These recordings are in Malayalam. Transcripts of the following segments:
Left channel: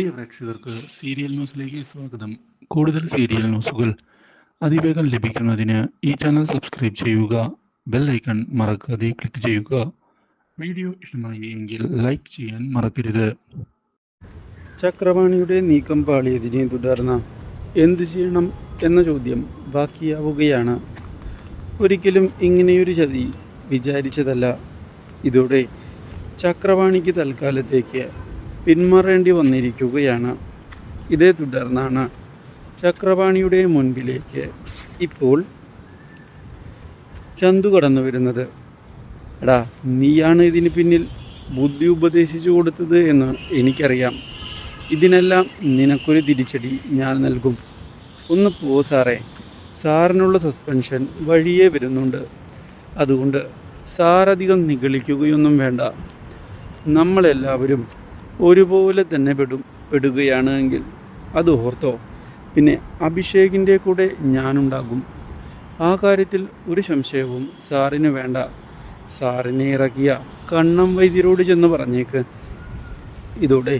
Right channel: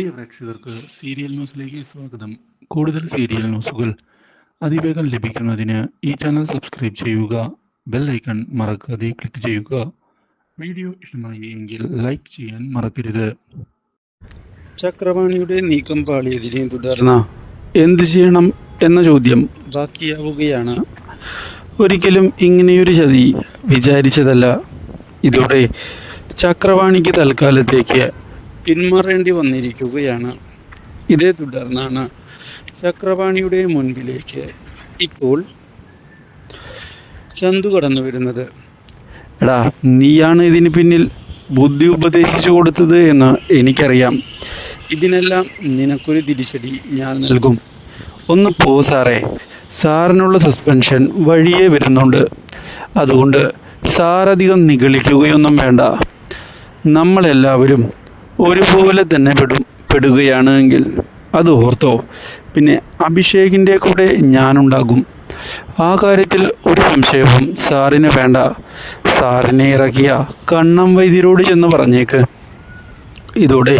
പ്രിയ പ്രേക്ഷകർക്ക് സീരിയൽ ന്യൂസിലേക്ക് സ്വാഗതം. കൂടുതൽ സീരിയൽ ന്യൂസുകൾ അതിവേഗം ലഭിക്കുന്നതിന് ഈ ചാനൽ സബ്സ്ക്രൈബ് ചെയ്യുക ബെൽ ഐക്കൺ മറക്കാതെ ക്ലിക്ക് ചെയ്യുക. വീഡിയോ ഇഷ്ടമായി എങ്കിൽ ലൈക്ക് ചെയ്യാൻ മറക്കരുത്. ചക്രവാണിയുടെ നീക്കം പാളിയതിനെ തുടർന്ന് എന്ത് ചെയ്യണം എന്ന ചോദ്യം ബാക്കിയാവുകയാണ്. ഒരിക്കലും ഇങ്ങനെയൊരു ചതി വിചാരിച്ചതല്ല. ഇതോടെ ചക്രവാണിക്ക് തൽക്കാലത്തേക്ക് പിന്മാറേണ്ടി വന്നിരിക്കുകയാണ്. ഇതേ തുടർന്നാണ് ചക്രവാണിയുടെ മുൻപിലേക്ക് ഇപ്പോൾ ചന്തു കടന്നു വരുന്നത്. എടാ നീയാണ് ഇതിന് പിന്നിൽ ബുദ്ധി ഉപദേശിച്ചു കൊടുത്തത് എന്ന് എനിക്കറിയാം. ഇതിനെല്ലാം നിനക്കൊരു തിരിച്ചടി ഞാൻ നൽകും. ഒന്ന് പോ സാറേ. സാറിനുള്ള സസ്പെൻഷൻ വഴിയേ വരുന്നുണ്ട്. അതുകൊണ്ട് സാറധികം നിഗളിക്കുകയൊന്നും വേണ്ട. നമ്മളെല്ലാവരും ഒരുപോലെ തന്നെ പെടും പെടുകയാണ് എങ്കിൽ അത് ഓർത്തോ. പിന്നെ അഭിഷേകിന്റെ കൂടെ ഞാനുണ്ടാകും. ആ കാര്യത്തിൽ ഒരു സംശയവും സാറിന് വേണ്ട. സാറിനെ ഇറക്കിയ കണ്ണം വൈദ്യരോട് ചെന്ന് പറഞ്ഞേക്ക്. ഇതോടെ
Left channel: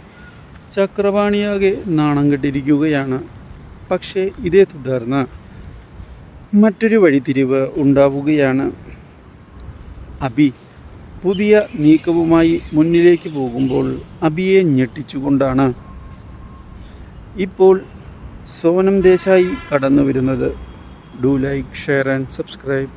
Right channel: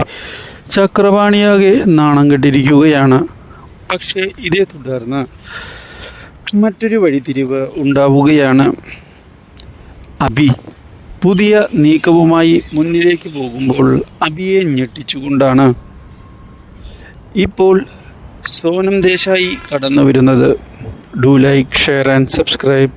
ചക്രവാണിയാകെ നാണം കെട്ടിരിക്കുകയാണ്. പക്ഷേ ഇതേ തുടർന്ന് മറ്റൊരു വഴിത്തിരിവ് ഉണ്ടാവുകയാണ്. അബി പുതിയ നീക്കവുമായി മുന്നിലേക്ക് പോകുമ്പോൾ അബിയെ ഞെട്ടിച്ചുകൊണ്ടാണ് ഇപ്പോൾ സോനം ദേശായി കടന്നു വരുന്നത് do like share and subscribe